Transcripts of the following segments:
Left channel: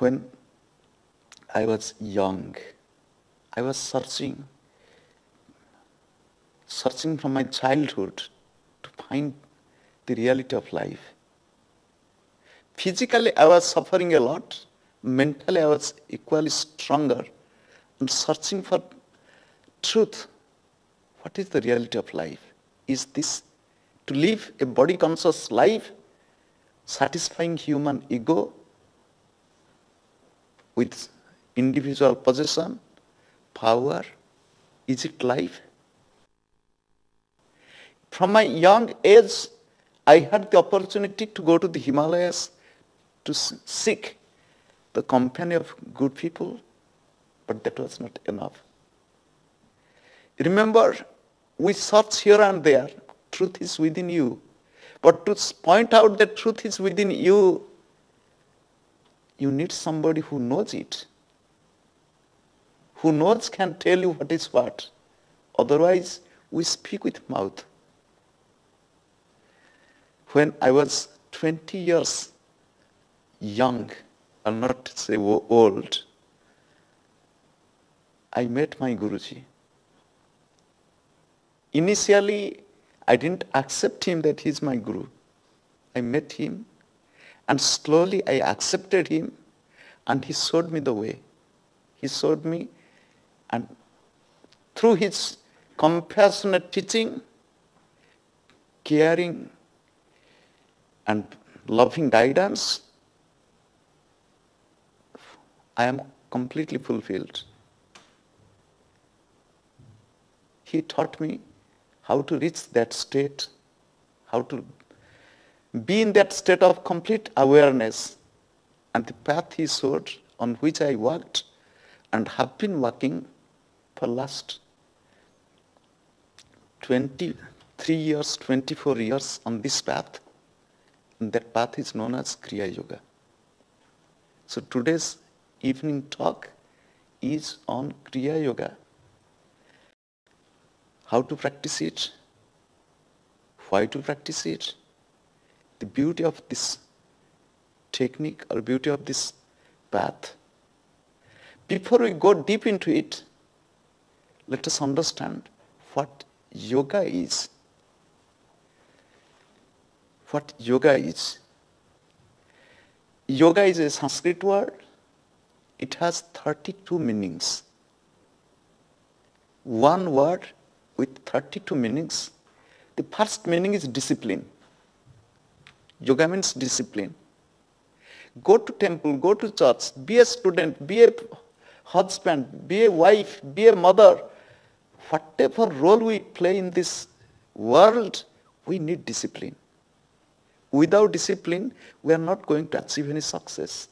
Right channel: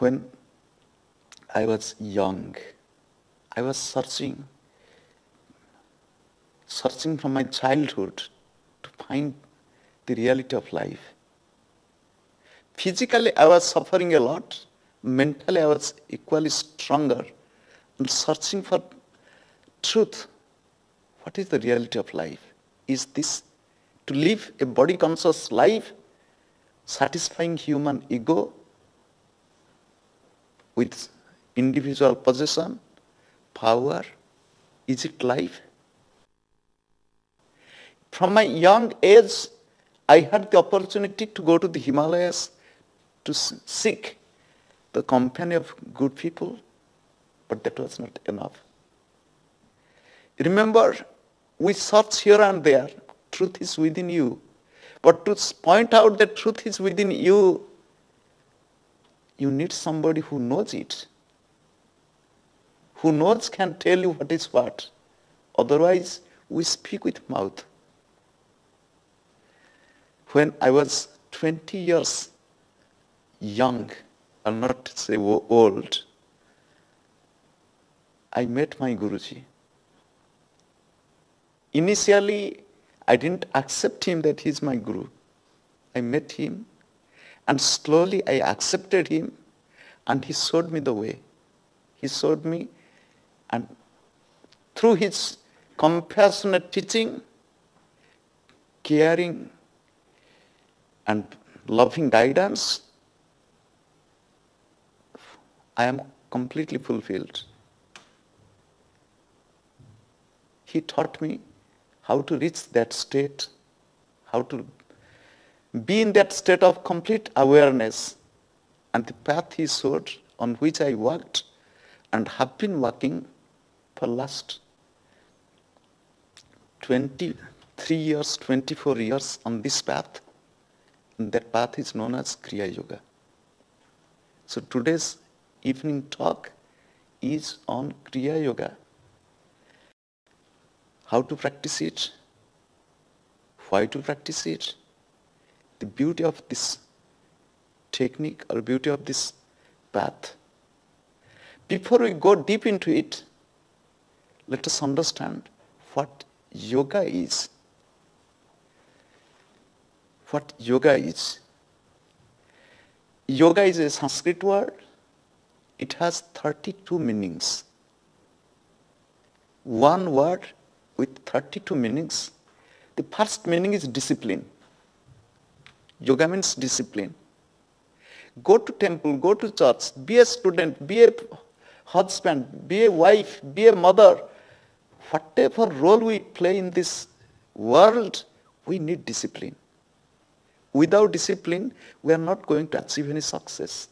When I was young, I was searching from my childhood to find the reality of life. Physically, I was suffering a lot. Mentally, I was equally stronger. I'm searching for truth. What is the reality of life? Is this to live a body-conscious life, satisfying human ego with individual possession, power? Is it life? From my young age, I had the opportunity to go to the Himalayas to seek the company of good people, but that was not enough. Remember, we search here and there, truth is within you. But to point out that truth is within you, you need somebody who knows it. Who knows can tell you what is what. Otherwise, we speak with mouth. When I was 20 years young, I'll not say old, I met my Guruji. Initially, I didn't accept him that he's my Guru. I met him, and slowly I accepted him, and he showed me the way. He showed me, and through his compassionate teaching, caring, and loving guidance, I am completely fulfilled. He taught me how to reach that state, how to be in that state of complete awareness, and the path he showed on which I walked and have been walking for last 23 years, 24 years on this path. And that path is known as Kriya Yoga. So today's evening talk is on Kriya Yoga. How to practice it, why to practice it, the beauty of this technique or beauty of this path. Before we go deep into it, let us understand what yoga is. What yoga is. Yoga is a Sanskrit word. It has 32 meanings. One word with 32 meanings. The first meaning is discipline. Yoga means discipline. Go to temple, go to church, be a student, be a husband, be a wife, be a mother. Whatever role we play in this world, we need discipline. Without discipline, we are not going to achieve any success.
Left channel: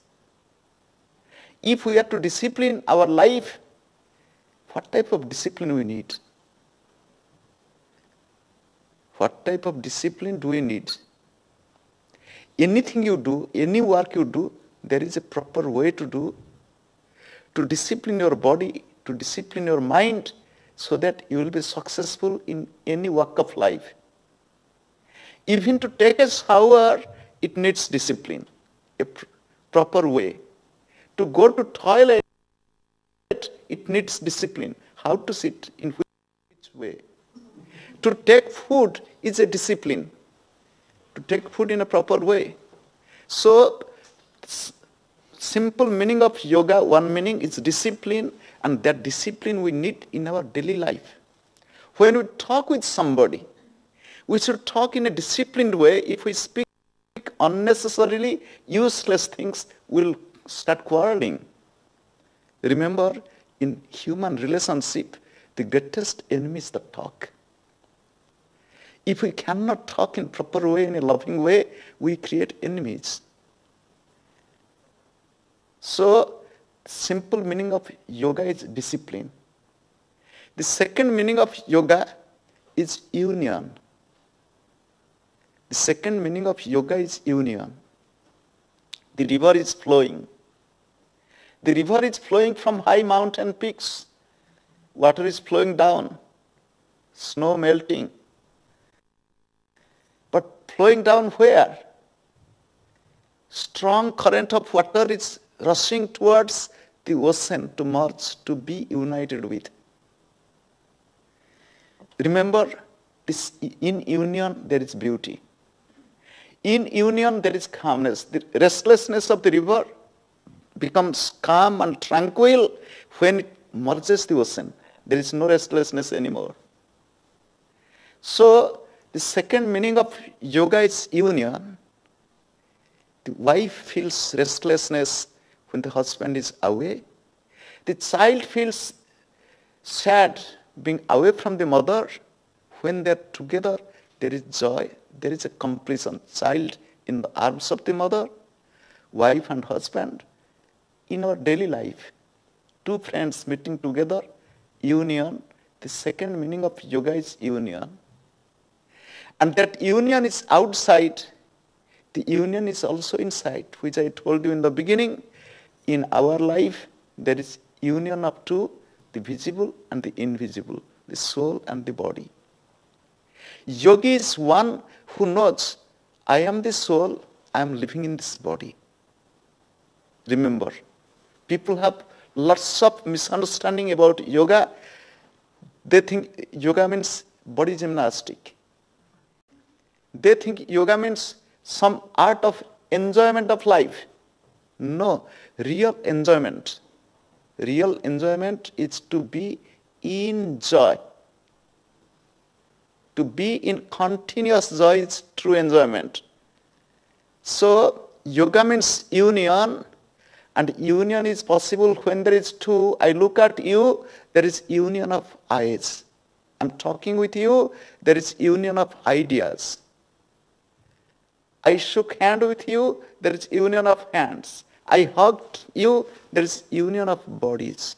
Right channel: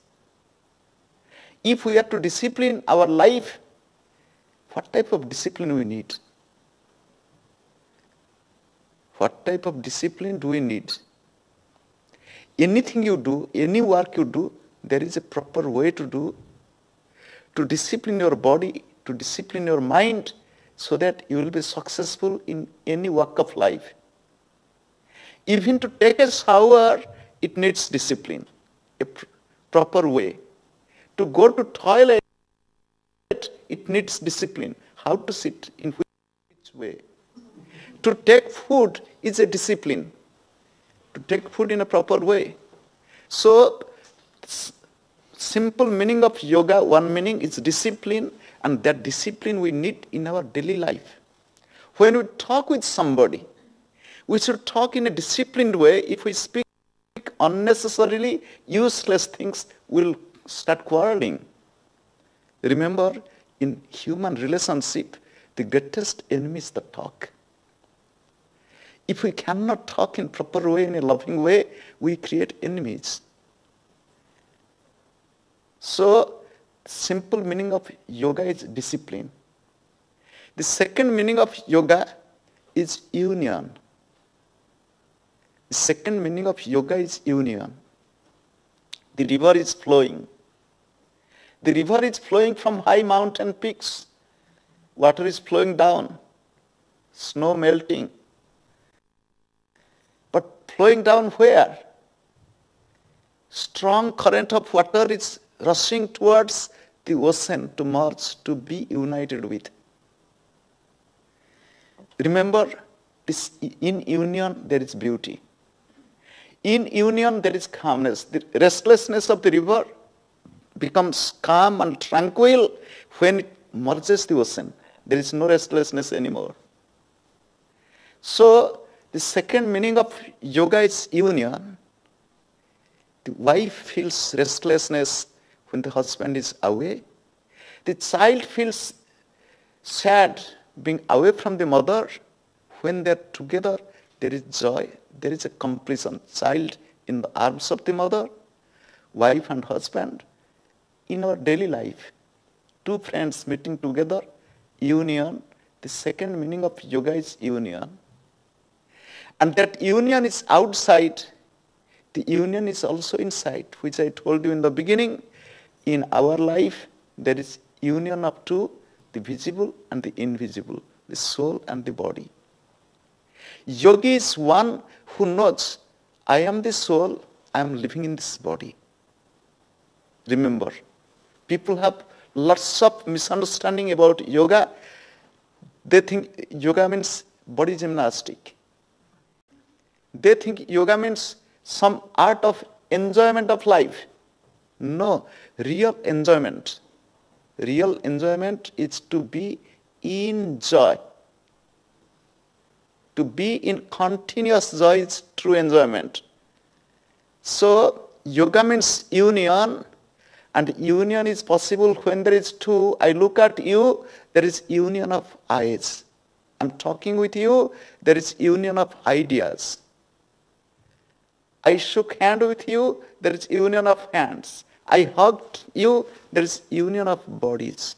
If we are to discipline our life, what type of discipline we need? What type of discipline do we need? Anything you do, any work you do, there is a proper way to do. To discipline your body, to discipline your mind, so that you will be successful in any walk of life. Even to take a shower, it needs discipline, a proper way. To go to toilet, it needs discipline. How to sit, in which way. To take food is a discipline. To take food in a proper way. So, simple meaning of yoga, one meaning is discipline, and that discipline we need in our daily life. When we talk with somebody, we should talk in a disciplined way. If we speak unnecessarily useless things, we'll start quarreling. Remember, in human relationship, the greatest enemy is the talk. If we cannot talk in proper way, in a loving way, we create enemies. So, simple meaning of yoga is discipline. The second meaning of yoga is union. The second meaning of yoga is union. The river is flowing. The river is flowing from high mountain peaks. Water is flowing down. Snow melting. But flowing down where? Strong current of water is rushing towards the ocean to merge, to be united with. Remember, this, in union there is beauty. In union there is calmness. The restlessness of the river becomes calm and tranquil when it merges the ocean. There is no restlessness anymore. So, the second meaning of yoga is union. The wife feels restlessness when the husband is away. The child feels sad being away from the mother. When they are together, there is joy, there is a completion. Child in the arms of the mother, wife and husband. In our daily life, two friends meeting together, union. The second meaning of yoga is union. And that union is outside. The union is also inside, which I told you in the beginning. In our life, there is union of two, the visible and the invisible, the soul and the body. Yogi is one who knows, I am the soul, I am living in this body. Remember, people have lots of misunderstanding about yoga. They think yoga means body gymnastic. They think yoga means some art of enjoyment of life. No, real enjoyment. Real enjoyment is to be in joy. To be in continuous joy is true enjoyment. So, yoga means union, and union is possible when there is two. I look at you, there is union of eyes. I'm talking with you, there is union of ideas. I shook hand with you, there is union of hands. I hugged you, there is union of bodies.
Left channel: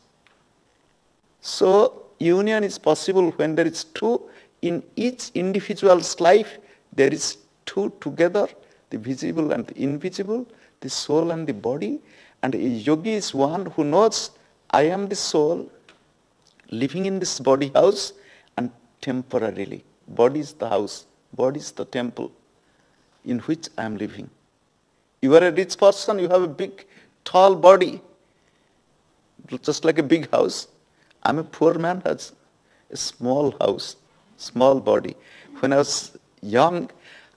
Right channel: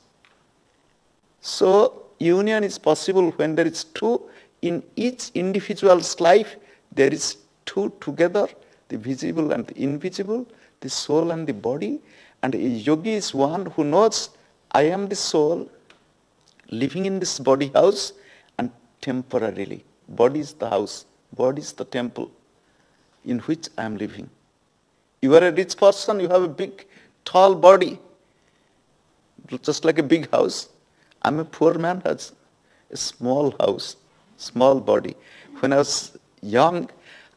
So, union is possible when there is two. In each individual's life, there is two together, the visible and the invisible, the soul and the body. And a yogi is one who knows, I am the soul, living in this body house, and temporarily. Body is the house, body is the temple in which I am living. You are a rich person, you have a big, tall body, just like a big house. I'm a poor man, has a small house, small body. When I was young,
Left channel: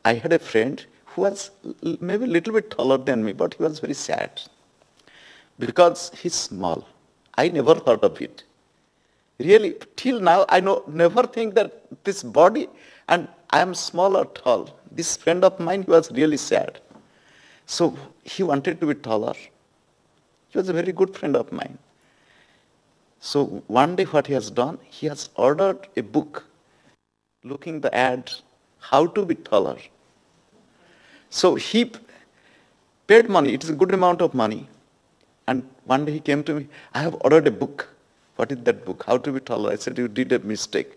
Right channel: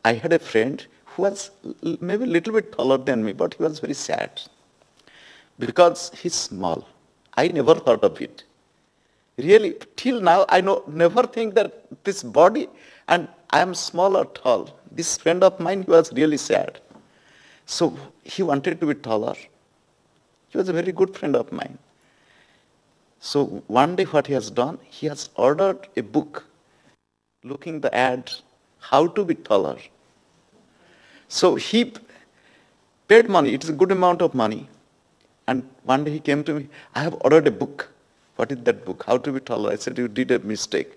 I had a friend who was maybe a little bit taller than me, but he was very sad because he's small. I never thought of it. Really, till now, I never think that this body, and I am small or tall. This friend of mine, he was really sad. So he wanted to be taller. He was a very good friend of mine. So one day what he has done, he has ordered a book, looking the ad, how to be taller. So he paid money, it is a good amount of money. And one day he came to me, I have ordered a book. What is that book? How to be taller? I said, you did a mistake.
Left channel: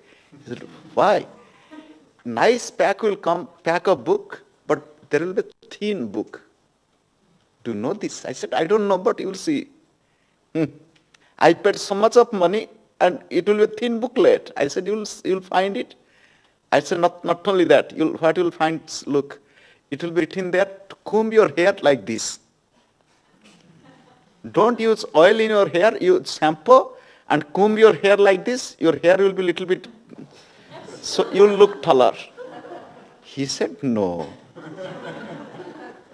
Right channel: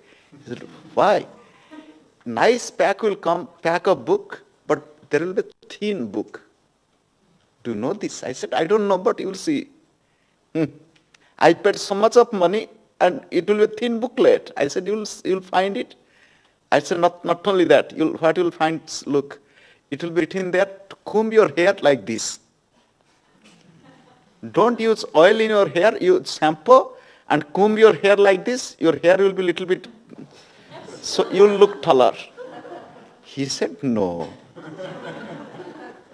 He said, why? Nice pack will come, pack of book, but there will be a thin book. Do you know this? I said, I don't know, but you will see. I paid so much of money and it will be a thin booklet. I said, you'll find it. I said, not only that, what you'll find, look, it will be written there to comb your hair like this. Don't use oil in your hair, use shampoo and comb your hair like this. Your hair will be a little bit, so you'll look taller. He said, no.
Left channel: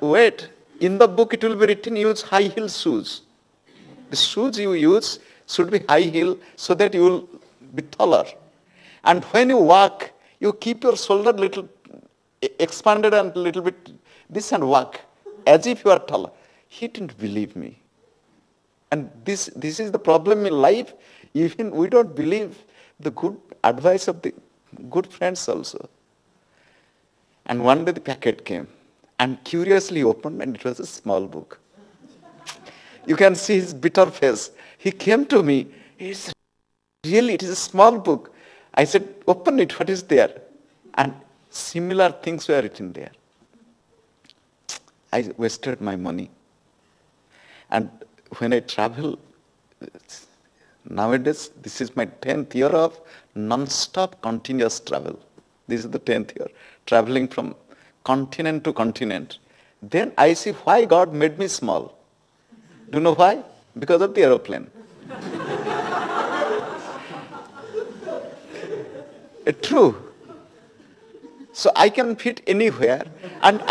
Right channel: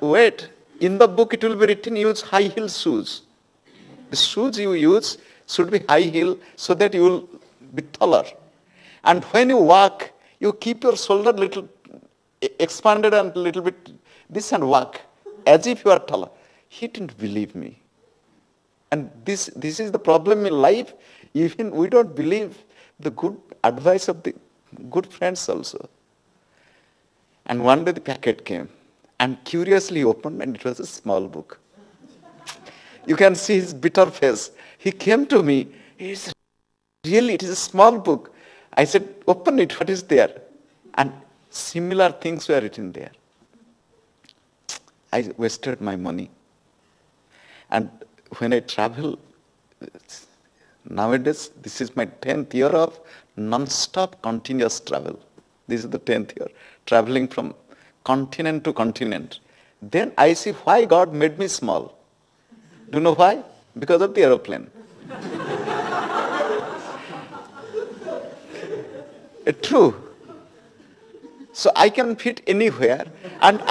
Wait, in the book it will be written, use high heel shoes. The shoes you use should be high heel so that you will be taller. And when you walk, you keep your shoulder little expanded and a little bit this and walk as if you are taller. He didn't believe me. And this is the problem in life. Even we don't believe the good advice of the good friends also. And one day the packet came and curiously opened and it was a small book. You can see his bitter face. He came to me. He said, really, it is a small book. I said, open it, what is there? And similar things were written there. I wasted my money. And when I travel, nowadays, this is my 10th year of non-stop continuous travel. This is the 10th year, traveling from continent to continent. Then I see why God made me small. Do you know why? Because of the aeroplane. True. So I can fit anywhere, and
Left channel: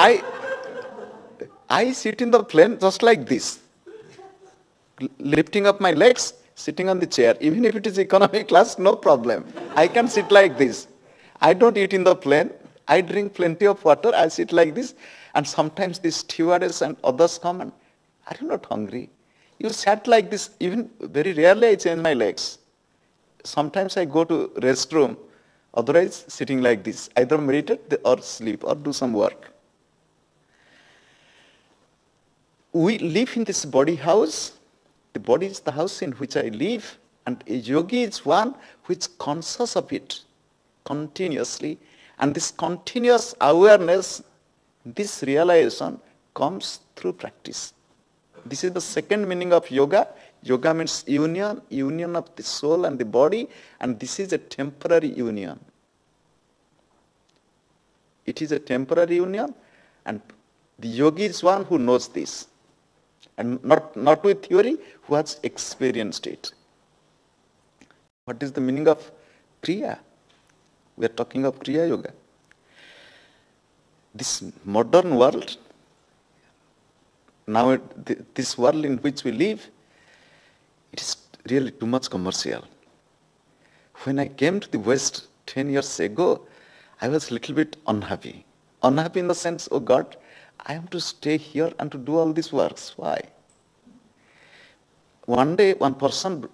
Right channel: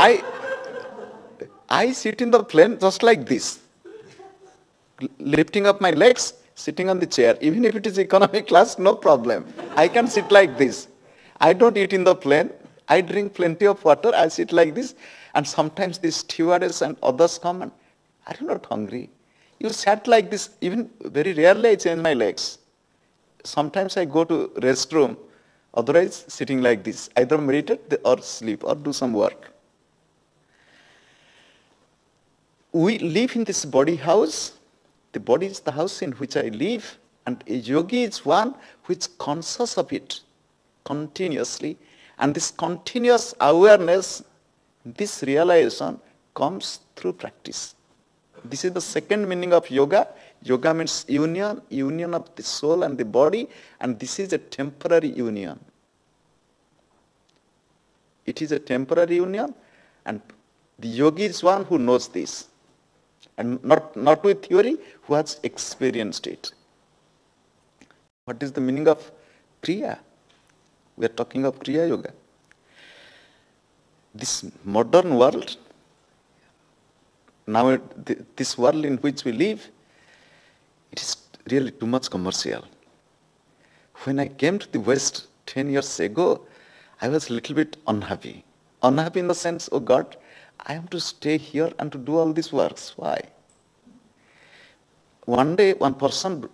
I sit in the plane just like this, lifting up my legs, sitting on the chair. Even if it is economy class, no problem. I can sit like this. I don't eat in the plane. I drink plenty of water. I sit like this, and sometimes the stewardess and others come and, are you not hungry? You sat like this. Even very rarely I change my legs. Sometimes I go to restroom. Otherwise, sitting like this, either meditate or sleep or do some work. We live in this body house. The body is the house in which I live, and a yogi is one who is conscious of it continuously. And this continuous awareness, this realization comes through practice. This is the second meaning of yoga. Yoga means union of the soul and the body, and this is a temporary union. It is a temporary union, and the yogi is one who knows this, and not with theory, who has experienced it. What is the meaning of Kriya? We are talking of Kriya Yoga. This modern world, now this world in which we live, it is really too much commercial. When I came to the West 10 years ago, I was a little bit unhappy. Unhappy in the sense, oh God, I have to stay here and to do all these works. Why? One day, one person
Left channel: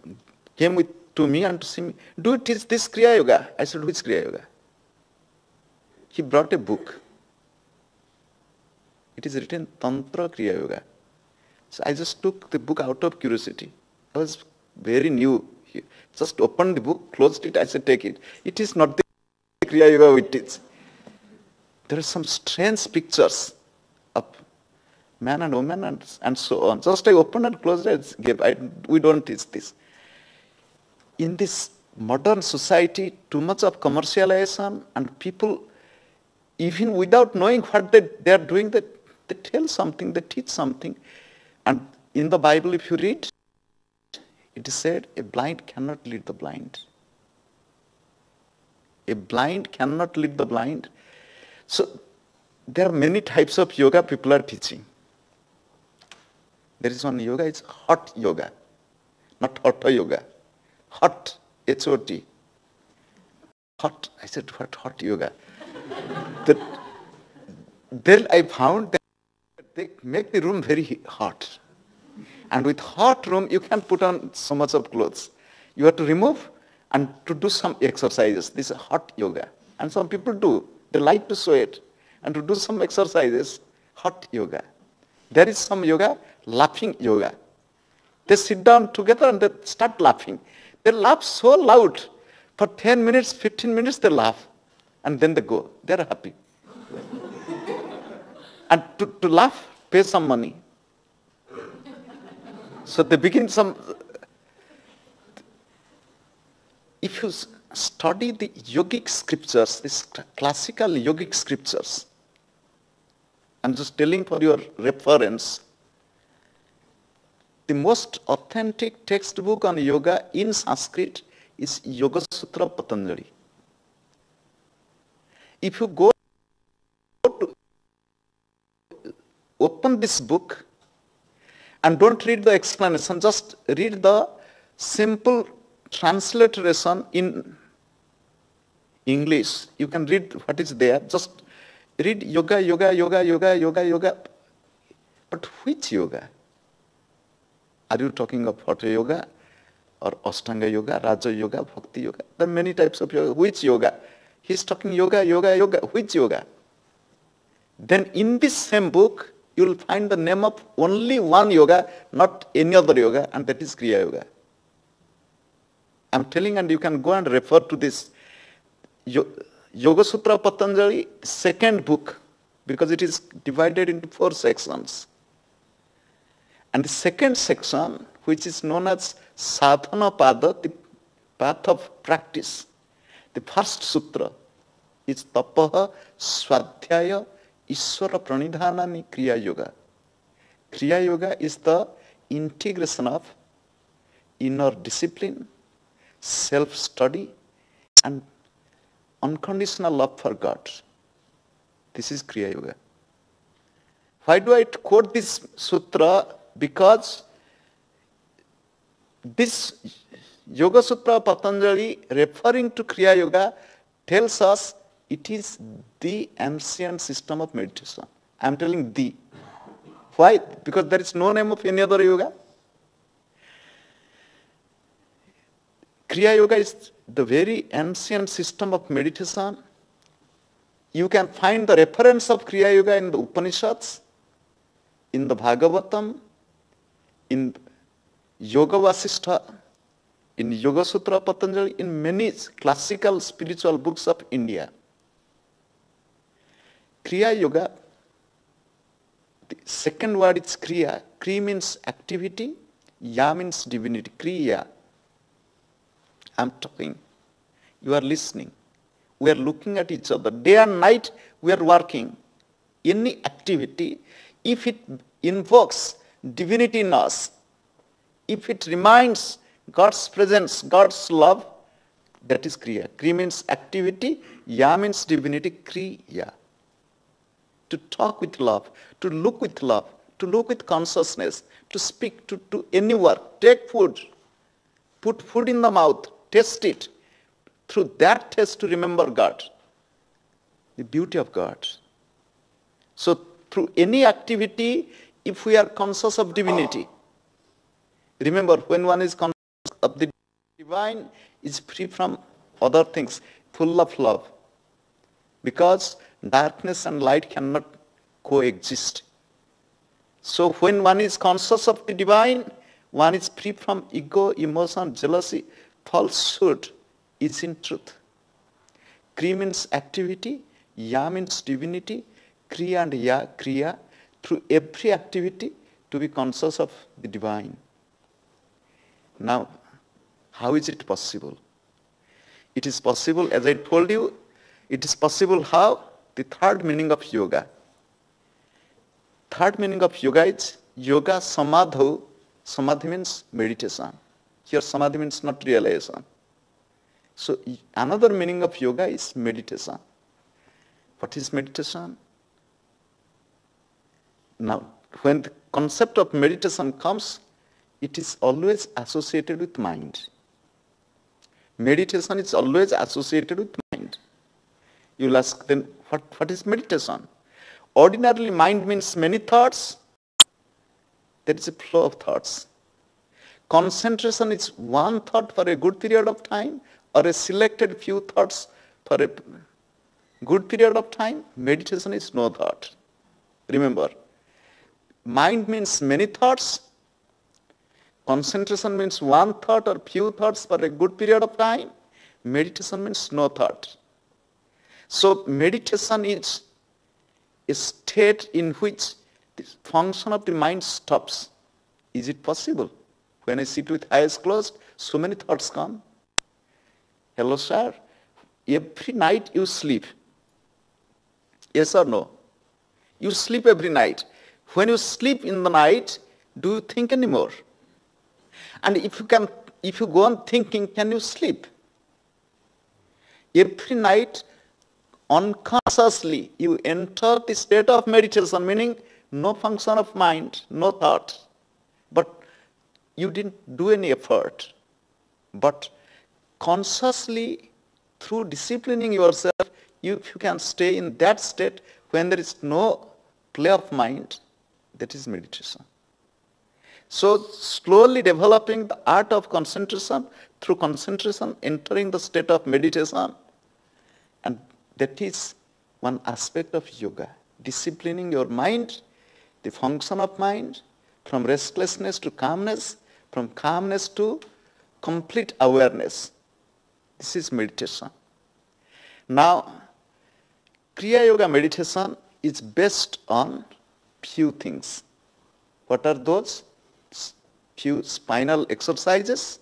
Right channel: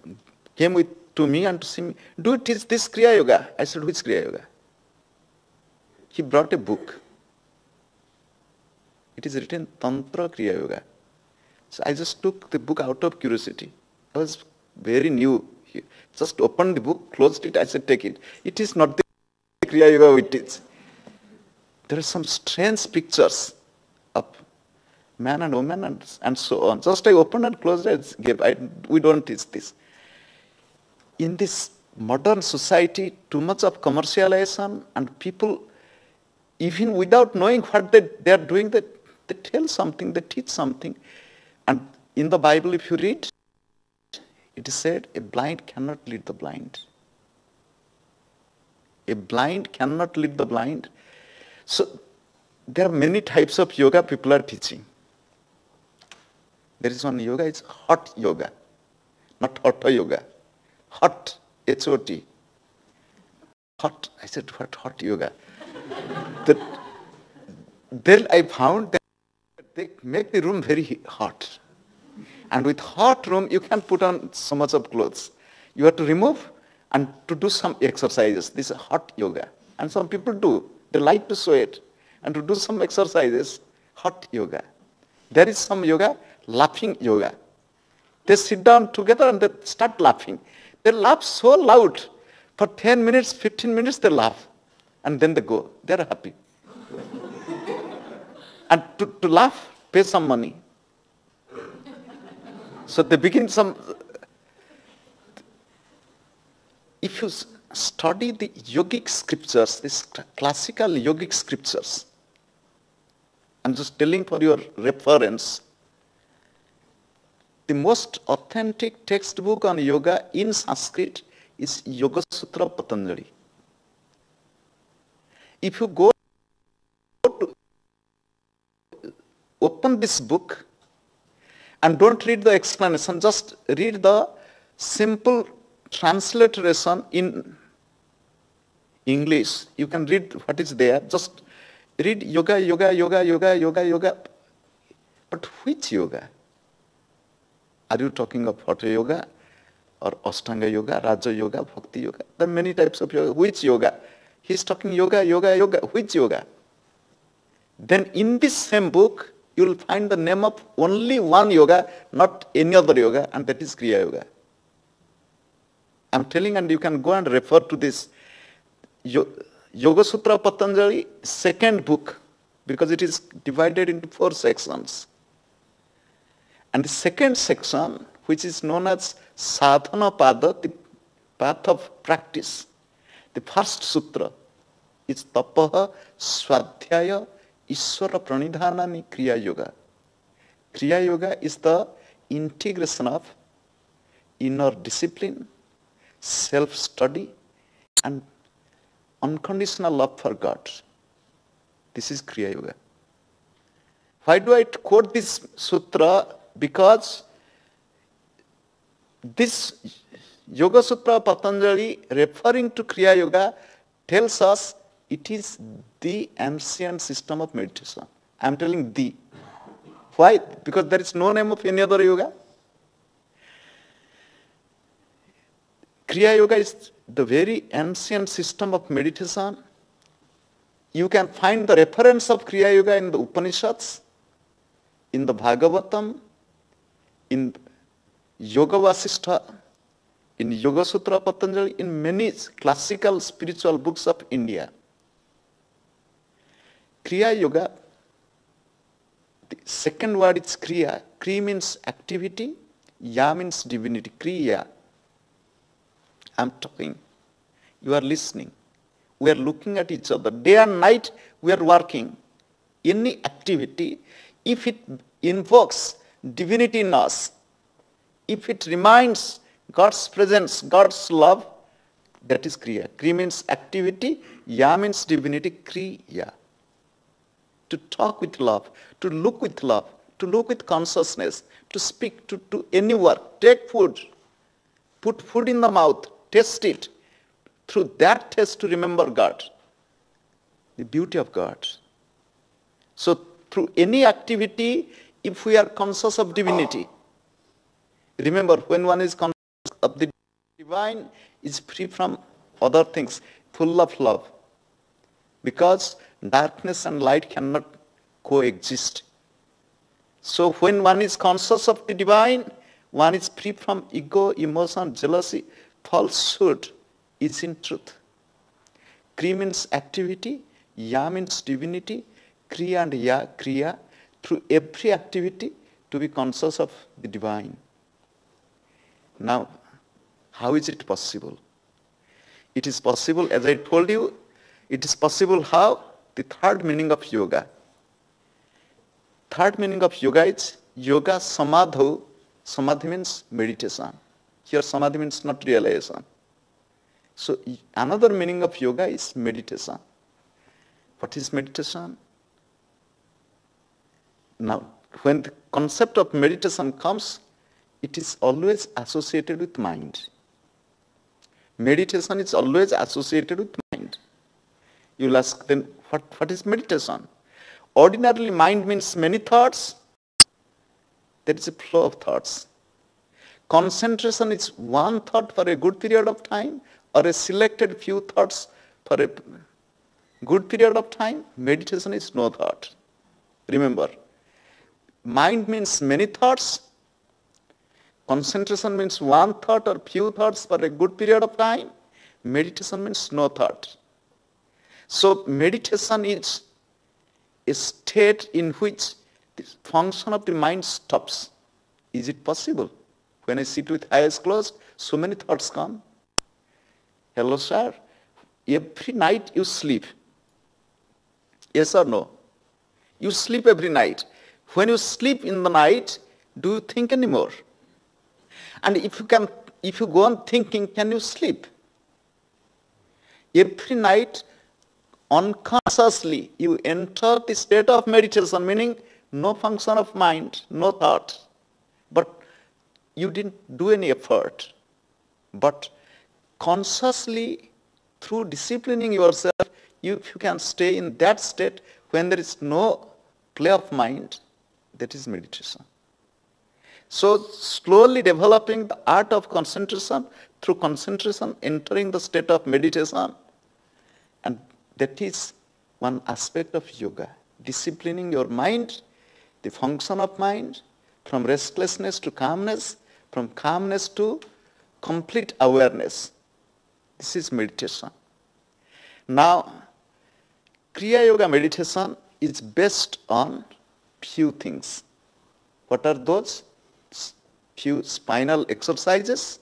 came to me and to see me, do you teach this Kriya Yoga? I said, which Kriya Yoga? He brought a book. It is written Tantra Kriya Yoga. So I just took the book out of curiosity. I was very new. Just opened the book, closed it, I said, take it. It is not the Kriya Yoga we teach. There are some strange pictures of man and woman and so on. Just I opened and closed it. We don't teach this. In this modern society, too much of commercialization, and people, even without knowing what they are doing, they tell something, they teach something. And in the Bible, if you read, it is said, a blind cannot lead the blind. A blind cannot lead the blind. So, there are many types of yoga people are teaching. There is one yoga, it's hot yoga, not hatha yoga. Hot, H-O-T. Hot, I said, what hot yoga? Then I found that they make the room very hot. And with hot room, you can put on so much of clothes. You have to remove and to do some exercises. This is hot yoga. And some people do. They like to sweat and to do some exercises, hot yoga. There is some yoga, laughing yoga. They sit down together and they start laughing. They laugh so loud. For 10 minutes, 15 minutes, they laugh. And then they go. They are happy. And to laugh, pay some money. So they begin some... If you study the yogic scriptures, these classical yogic scriptures, I'm just telling for your reference, the most authentic textbook on yoga in Sanskrit is Yoga Sutra Patanjali. If you go to open this book and don't read the explanation, just read the simple transliteration in English. You can read what is there. Just read yoga, yoga, yoga, yoga, yoga, yoga. But which yoga? Are you talking of Hatha yoga or Ashtanga yoga, Raja yoga, Bhakti yoga? There are many types of yoga. Which yoga? He's talking yoga, yoga, yoga. Which yoga? Then in this same book, you will find the name of only one yoga, not any other yoga, and that is Kriya Yoga. I'm telling, and you can go and refer to this Yoga Sutra Patanjali, second book, because it is divided into 4 sections. And the second section, which is known as Sadhana Pada, the path of practice, the first sutra is Tapaha Swadhyaya Ishvara Pranidhanani Kriya Yoga. Kriya Yoga is the integration of inner discipline, self-study, and unconditional love for God. This is Kriya Yoga. Why do I quote this sutra? Because this Yoga Sutra Patanjali, referring to Kriya Yoga, tells us it is the ancient system of meditation. I am telling the. Why? Because there is no name of any other yoga. Kriya Yoga is the very ancient system of meditation. You can find the reference of Kriya Yoga in the Upanishads, in the Bhagavatam, in Yoga Vasishtha, in Yoga Sutra Patanjali, in many classical spiritual books of India. Kriya Yoga, the second word is Kriya. Kri means activity, Ya means divinity. Kriya. I am talking. You are listening. We are looking at each other. Day and night we are working. Any activity, if it invokes divinity in us, if it reminds God's presence, God's love, that is Kriya. Kri means activity, Ya means divinity, Kriya. To talk with love, to look with love, to look with consciousness, to speak, to any work, take food, put food in the mouth, taste it. Through that taste to remember God, the beauty of God. So through any activity, if we are conscious of divinity, remember when one is conscious of the divine, is free from other things, full of love. Because darkness and light cannot coexist. So when one is conscious of the divine, one is free from ego, emotion, jealousy, falsehood. Is in truth. Kri means activity, Ya means divinity, Kriya and Ya, Kriya, through every activity to be conscious of the divine. Now, how is it possible? It is possible, as I told you, it is possible how? The third meaning of yoga. Third meaning of yoga is yoga samadho. Samadhi means meditation. Here samadhi means not realization. So another meaning of yoga is meditation. What is meditation? Now, when the concept of meditation comes, it is always associated with mind. Meditation is always associated with mind. You will ask then, what is meditation? Ordinarily, mind means many thoughts. There is a flow of thoughts. Concentration is one thought for a good period of time, or a selected few thoughts for a good period of time. Meditation is no thought. Remember, mind means many thoughts. Concentration means one thought or few thoughts for a good period of time. Meditation means no thought. So meditation is a state in which the function of the mind stops. Is it possible? When I sit with eyes closed, so many thoughts come. Hello, sir. Every night you sleep. Yes or no? You sleep every night. When you sleep in the night, do you think anymore? And if you go on thinking, can you sleep? Every night, unconsciously, you enter the state of meditation, meaning no function of mind, no thought. But you didn't do any effort. But consciously, through disciplining yourself, you can stay in that state when there is no play of mind. That is meditation. So slowly developing the art of concentration, through concentration entering the state of meditation, and that is one aspect of yoga. Disciplining your mind, the function of mind, from restlessness to calmness, from calmness to complete awareness. This is meditation. Now, Kriya Yoga meditation is based on few things. What are those? Few spinal exercises,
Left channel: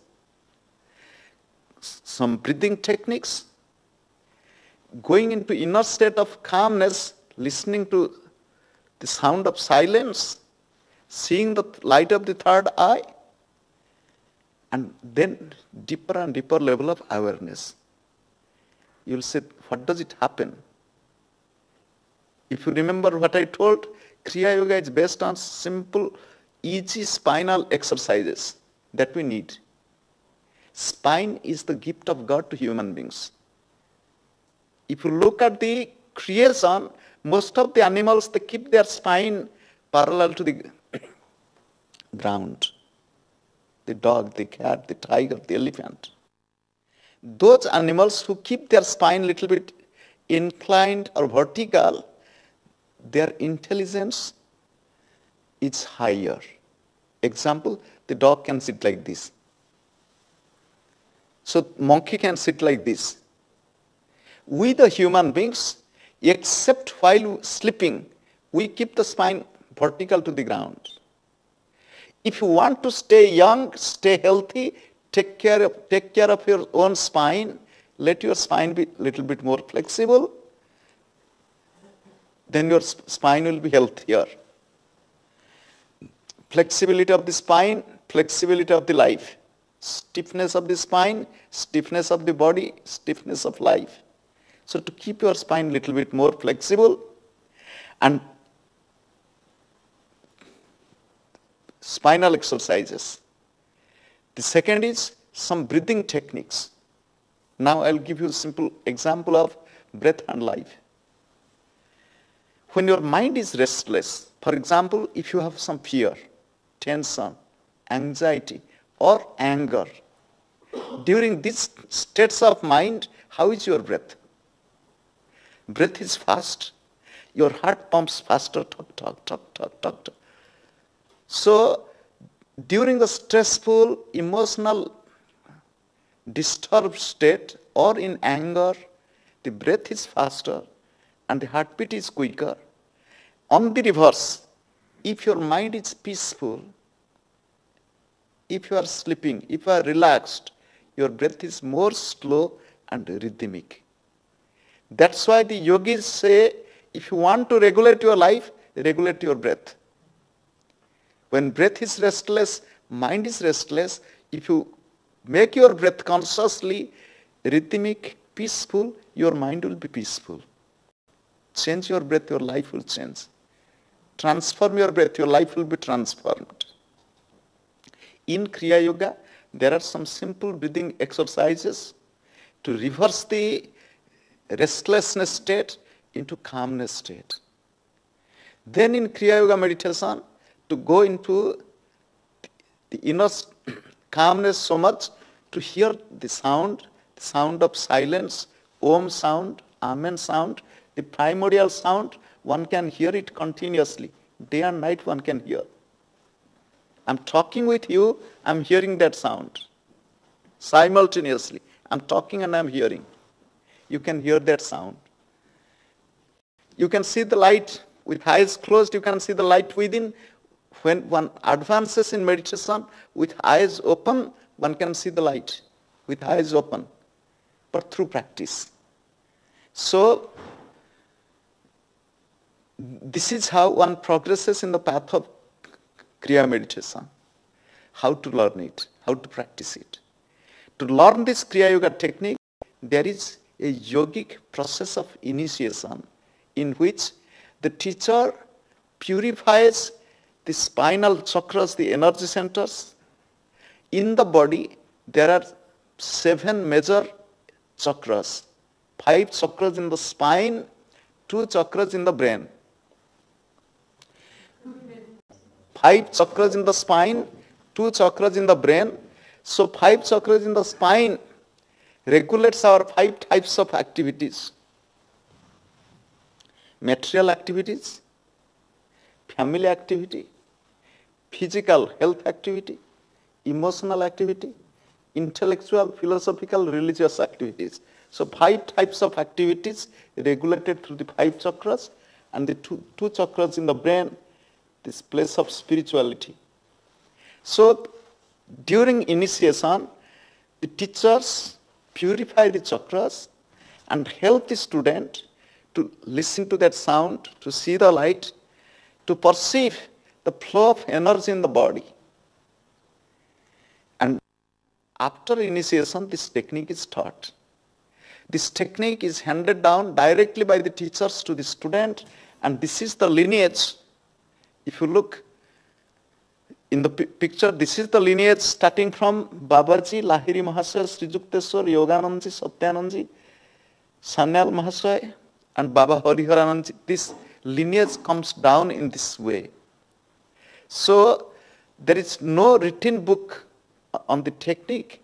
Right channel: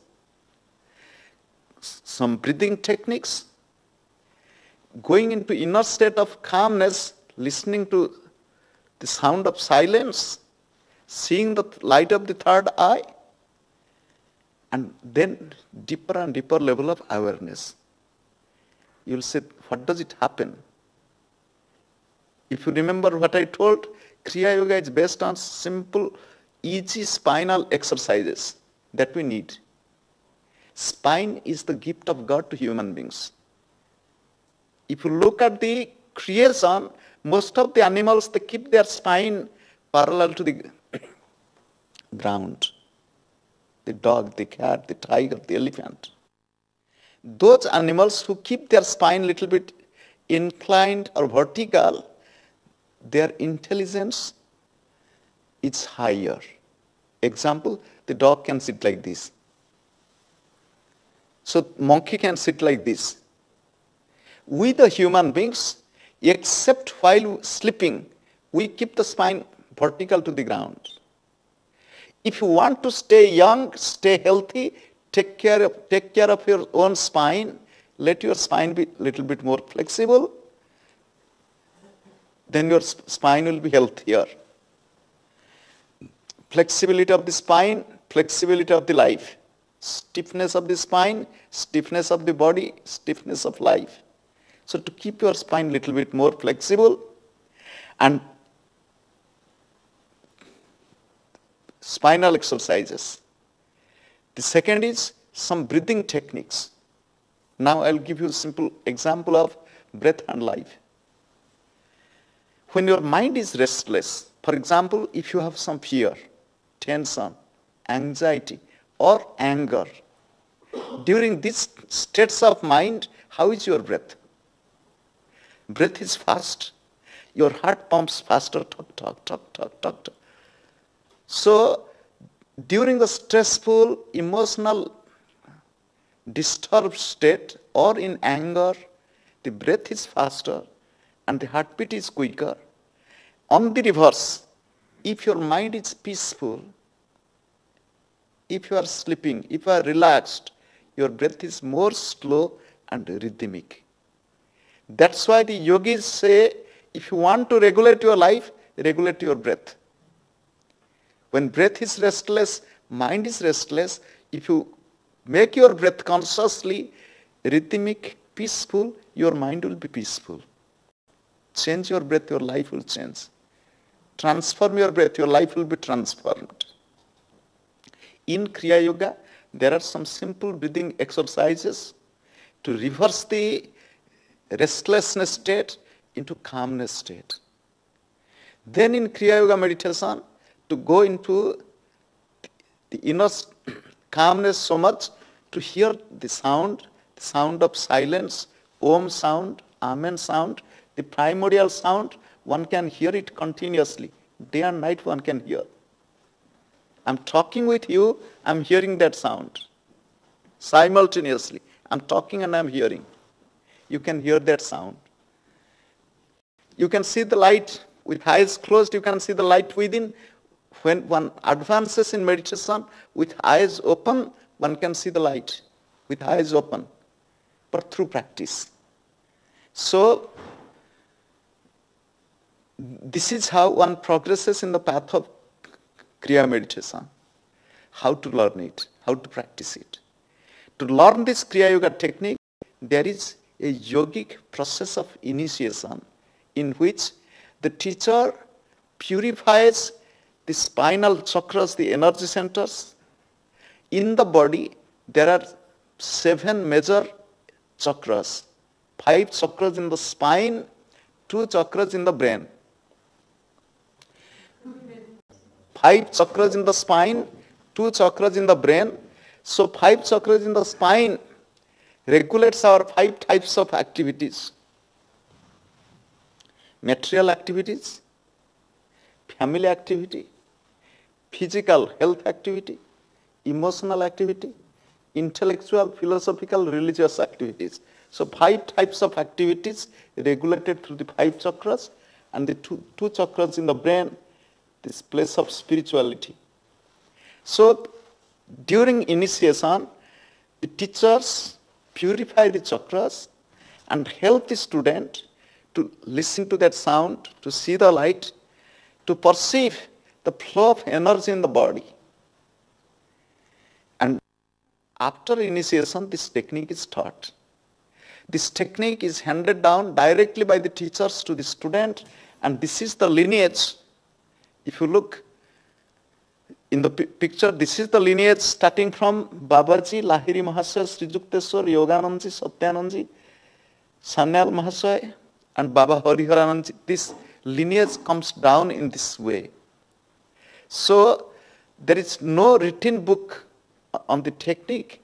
some breathing techniques, going into inner state of calmness, listening to the sound of silence, seeing the light of the third eye, and then deeper and deeper level of awareness. You'll say, what does it happen? If you remember what I told, Kriya Yoga is based on simple, easy spinal exercises that we need. Spine is the gift of God to human beings. If you look at the creation, most of the animals, they keep their spine parallel to the ground. The dog, the cat, the tiger, the elephant. Those animals who keep their spine little bit inclined or vertical, their intelligence is higher. Example, the dog can sit like this. So monkey can sit like this. We the human beings, except while sleeping, we keep the spine vertical to the ground. If you want to stay young, stay healthy, take care of your own spine, let your spine be a little bit more flexible, then your spine will be healthier. Flexibility of the spine, flexibility of the life. Stiffness of the spine, stiffness of the body, stiffness of life. So to keep your spine a little bit more flexible, and spinal exercises. The second is some breathing techniques. Now I'll give you a simple example of breath and life. When your mind is restless, for example, if you have some fear, tension, anxiety, or anger, during these states of mind, how is your breath? Breath is fast. Your heart pumps faster, talk. So, during the stressful, emotional, disturbed state or in anger, the breath is faster and the heartbeat is quicker. On the reverse, if your mind is peaceful, if you are sleeping, if you are relaxed, your breath is more slow and rhythmic. That's why the yogis say, if you want to regulate your life, regulate your breath. When breath is restless, mind is restless, if you make your breath consciously rhythmic, peaceful, your mind will be peaceful. Change your breath, your life will change. Transform your breath, your life will be transformed. In Kriya Yoga, there are some simple breathing exercises to reverse the restlessness state into calmness state. Then in Kriya Yoga meditation, to go into the inner calmness so much to hear the sound of silence, Om sound, Amen sound, the primordial sound, one can hear it continuously. Day and night one can hear. I'm talking with you, I'm hearing that sound. Simultaneously, I'm talking and I'm hearing. You can hear that sound. You can see the light with eyes closed, you can see the light within. When one advances in meditation with eyes open, one can see the light with eyes open, but through practice. So, this is how one progresses in the path of Kriya meditation. How to learn it, how to practice it. To learn this Kriya Yoga technique, there is a yogic process of initiation in which the teacher purifies the spinal chakras, the energy centers. In the body, there are 7 major chakras. 5 chakras in the spine, 2 chakras in the brain. 5 chakras in the spine, 2 chakras in the brain. So 5 chakras in the spine regulates our 5 types of activities. Material activities, family activity, physical health activity, emotional activity, intellectual, philosophical, religious activities. So 5 types of activities regulated through the 5 chakras, and the two chakras in the brain, this place of spirituality. So during initiation, the teachers purify the chakras and help the student to listen to that sound, to see the light, to perceive the flow of energy in the body. And after initiation, this technique is taught. This technique is handed down directly by the teachers to the student, and this is the lineage. If you look in the picture, this is the lineage starting from Babaji, Lahiri Mahasaya, Sri Yukteswar, Yoganandji, Satyanandji, Sanyal Mahasaya, and Baba Hariharanandji. This lineage comes down in this way. So there is no written book on the technique.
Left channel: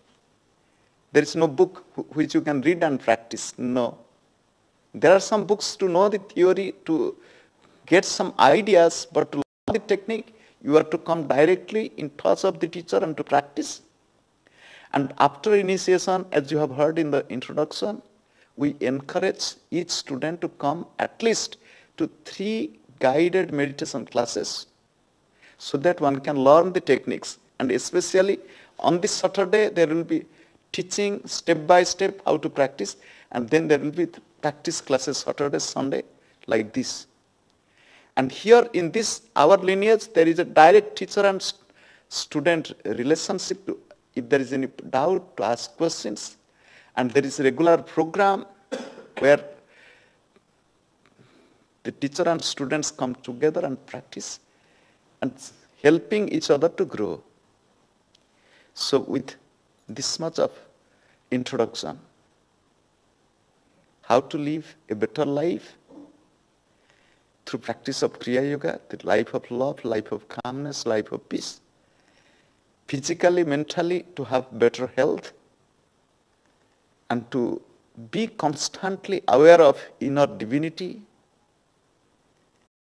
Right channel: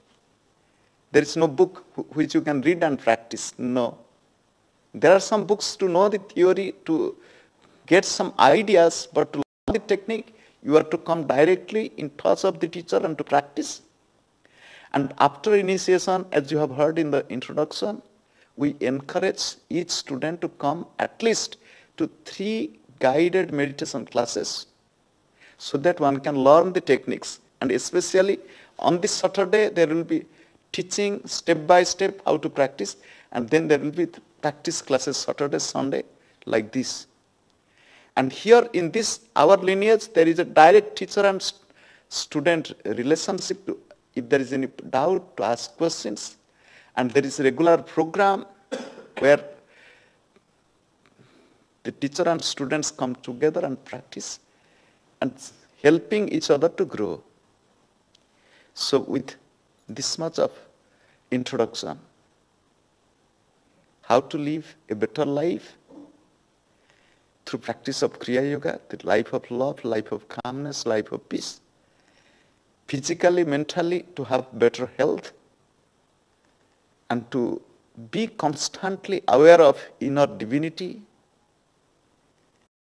There is no book which you can read and practice. No. There are some books to know the theory, to get some ideas, but to learn the technique, you have to come directly in touch of the teacher and to practice. And after initiation, as you have heard in the introduction, we encourage each student to come at least to 3 guided meditation classes so that one can learn the techniques. And especially on this Saturday, there will be teaching step by step how to practice, and then there will be practice classes Saturday, Sunday, like this. And here in this, our lineage, there is a direct teacher and student relationship. If there is any doubt, to ask questions. And there is a regular program where the teacher and students come together and practice and helping each other to grow. So with this much of introduction, how to live a better life through practice of Kriya Yoga, the life of love, life of calmness, life of peace, physically, mentally, to have better health, and to be constantly aware of inner divinity,